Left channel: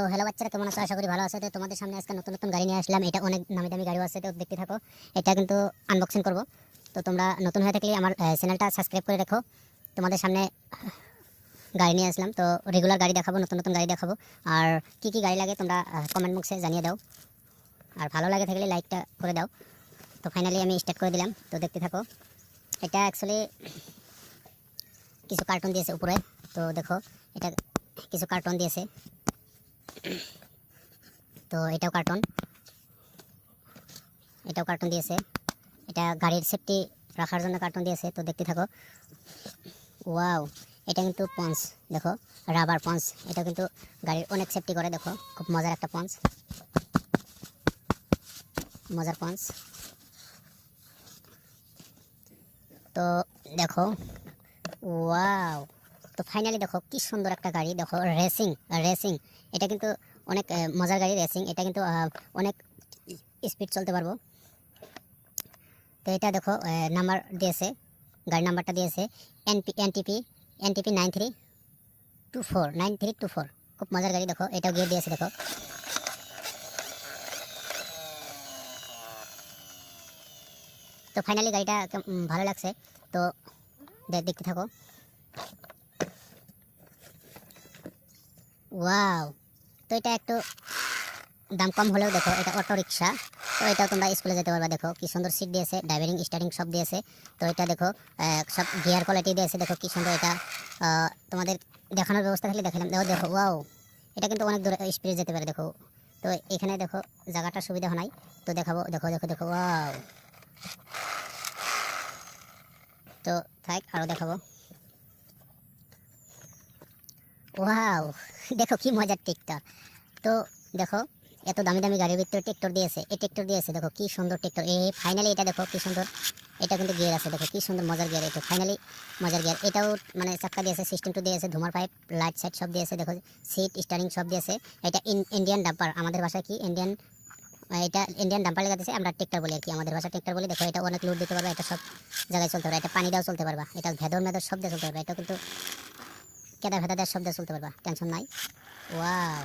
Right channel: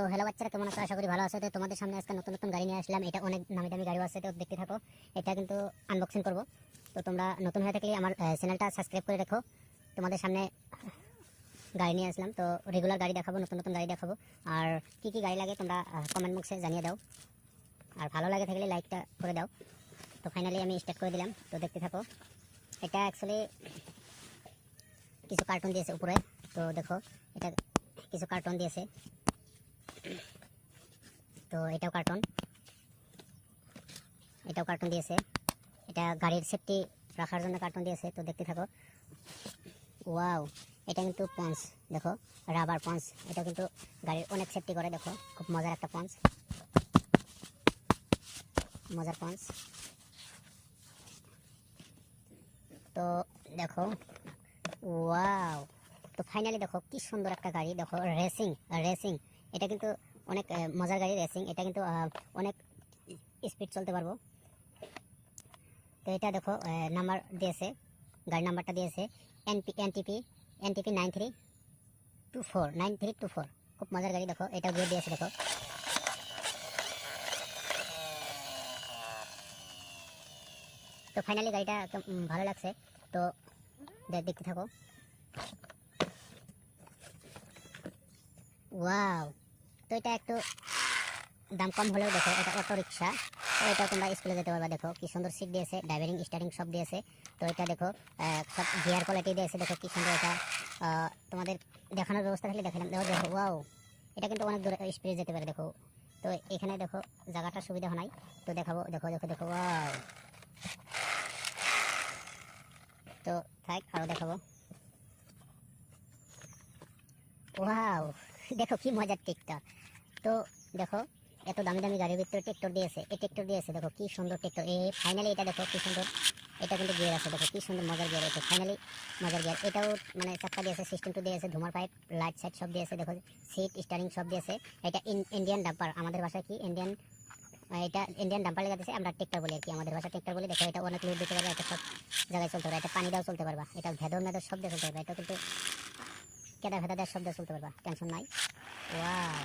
তো হ্যালো বাচ্চারা, কেমন আছো? আশা করি ভালো আছো। তো তোমাদের সামনে আজকে নতুন নতুন গাড়ি নিয়ে আসলাম। এটা অনেক নামি দামি গাড়ি আছে, তো দেখতে থাকো। এটা কিন্তু আনবক্সিং করব। তো তোমরা নতুন হয়ে থাকলে আমার চ্যানেলটা সাবস্ক্রাইব করে রাখো। তোমাদের সামনে গাড়ি নিয়ে আসলাম, তো রেগুলার গাড়ি দেখাবো, নতুন নতুন গাড়ি দেখাবো। আর কি কি গাড়ি লাগে তোমরা কমেন্ট বক্সে জানিয়ে দাও, আর ভালো লাগে থাকলে লাইকটা করে দাও। তো ফাইনালি আমি স্টার্ট করে দিলাম, তো দেখতে থাকো। এটা অ্যাকচুয়ালি কিছু কার্টুন দিয়েছে উপরে, তো দেখো এটা কিছু কার্টুন দিয়েছে। তো এটাও কার্টুন দিয়েছে। এটা গাড়ির সেফটি রাখার জন্য কার্টুন দিয়েছে, তো দেখতে থাকো। ওয়াও, এটা কিন্তু পঞ্চ, দেখো রাবার পঞ্চ। এটা কিন্তু গাড়ির অনেক সেফটি করে, দেখো খুব মজার একটা পঞ্চ, মজার পঞ্চ। তো দেখো, ওয়াও। তো ফাইনালি দেখো কি সুন্দর একটা গাড়ি, দেখো রেসিং রেসিং। এটা কিন্তু অনেক মজার গাড়ি, রেসিং। এটা কিন্তু অনেক স্পিড চলতে পারবো। তো এটা দেখো নাম্বার দিয়েছে, গাড়ি নাম্বারটা দিয়েছে এনটিপি 9324। খুব মজার গাড়ি, দেখো এটাও গিয়ে দিয়েছে, দেখো। তো ফাইনালি গাড়িটা ভালো লাগছে, তো দেখতে থাকো। ওয়াও, তো এটা একটু দাম কম হলেও দেখো এটা অটো রিক্সা। তো এটা তোমরা স্কুলে যেতে পারবা, দেখো কি সুন্দর সিট দিয়েছে, ড্রাইভিং স্টারিং সব দিয়েছে। তো এটা দেখো সব গিয়ার কোয়ালিটি দিয়েছে, দেখো কি সুন্দর। এটা তোমাদের দেখানোর ব্যবস্থা থাকলে দেখালাম, দেখো দেখো ওয়াও। এটা কিন্তু অনেক দূরে স্পিডে যেতে পারে, দেখো। তো এখানে দেখো জায়গাটার সুবিধা হয় নাই, তো দেখাবো, দেখো দেখো দেখো ওয়াও। তো থাক, আরও দেখাবো। ওয়াও, দেখো কি মজার টিকটা। তো দেখো এত দামি দামি গাড়ির ভিতরে ট্রেক্টর দিয়েছে, এই ট্রেক্টর দিয়েছে, দেখো কি সুন্দর ট্রেক্টর। এই ফাইনালি এটা দেখো কি সুন্দর। এটা কিন্তু গিয়ার আছে, দেখো কি সুন্দর মজার গিয়ার। এটা ফাইনালি মজার গিয়ার। এটাও মানে চাক্কা দিয়েছে, সিস্টেম টু দিয়েছে, ধুমার পাইপ, লাইট সাইট সব দিয়েছে, দেখো সিট স্টারিং সব দিয়েছে। এটা ইন্ডিয়ান ডাম্পার, আমাদের ভাষায় কি ইন্ডিয়ান, এটা ইন্ডিয়ান ডাম্পার লেগে দিয়েছে, আমরা ট্রেক্টর বলি আর কি, আমাদের ভাষা ট্রেক্টর বলি। দেখো এটা অনেক লোড দিতে পারবে, এটা সব জায়গায় চলতে পারবে, এটা পানি দেওয়া চলতে পারবা, এটা ভেদর মেদর সব দিয়ে চলতে পারবে, এটা কিন্তু কেদা ভেদা দেওয়ার সব দিয়ে চলতে পারবা, টেনশন নাই। ওয়াও।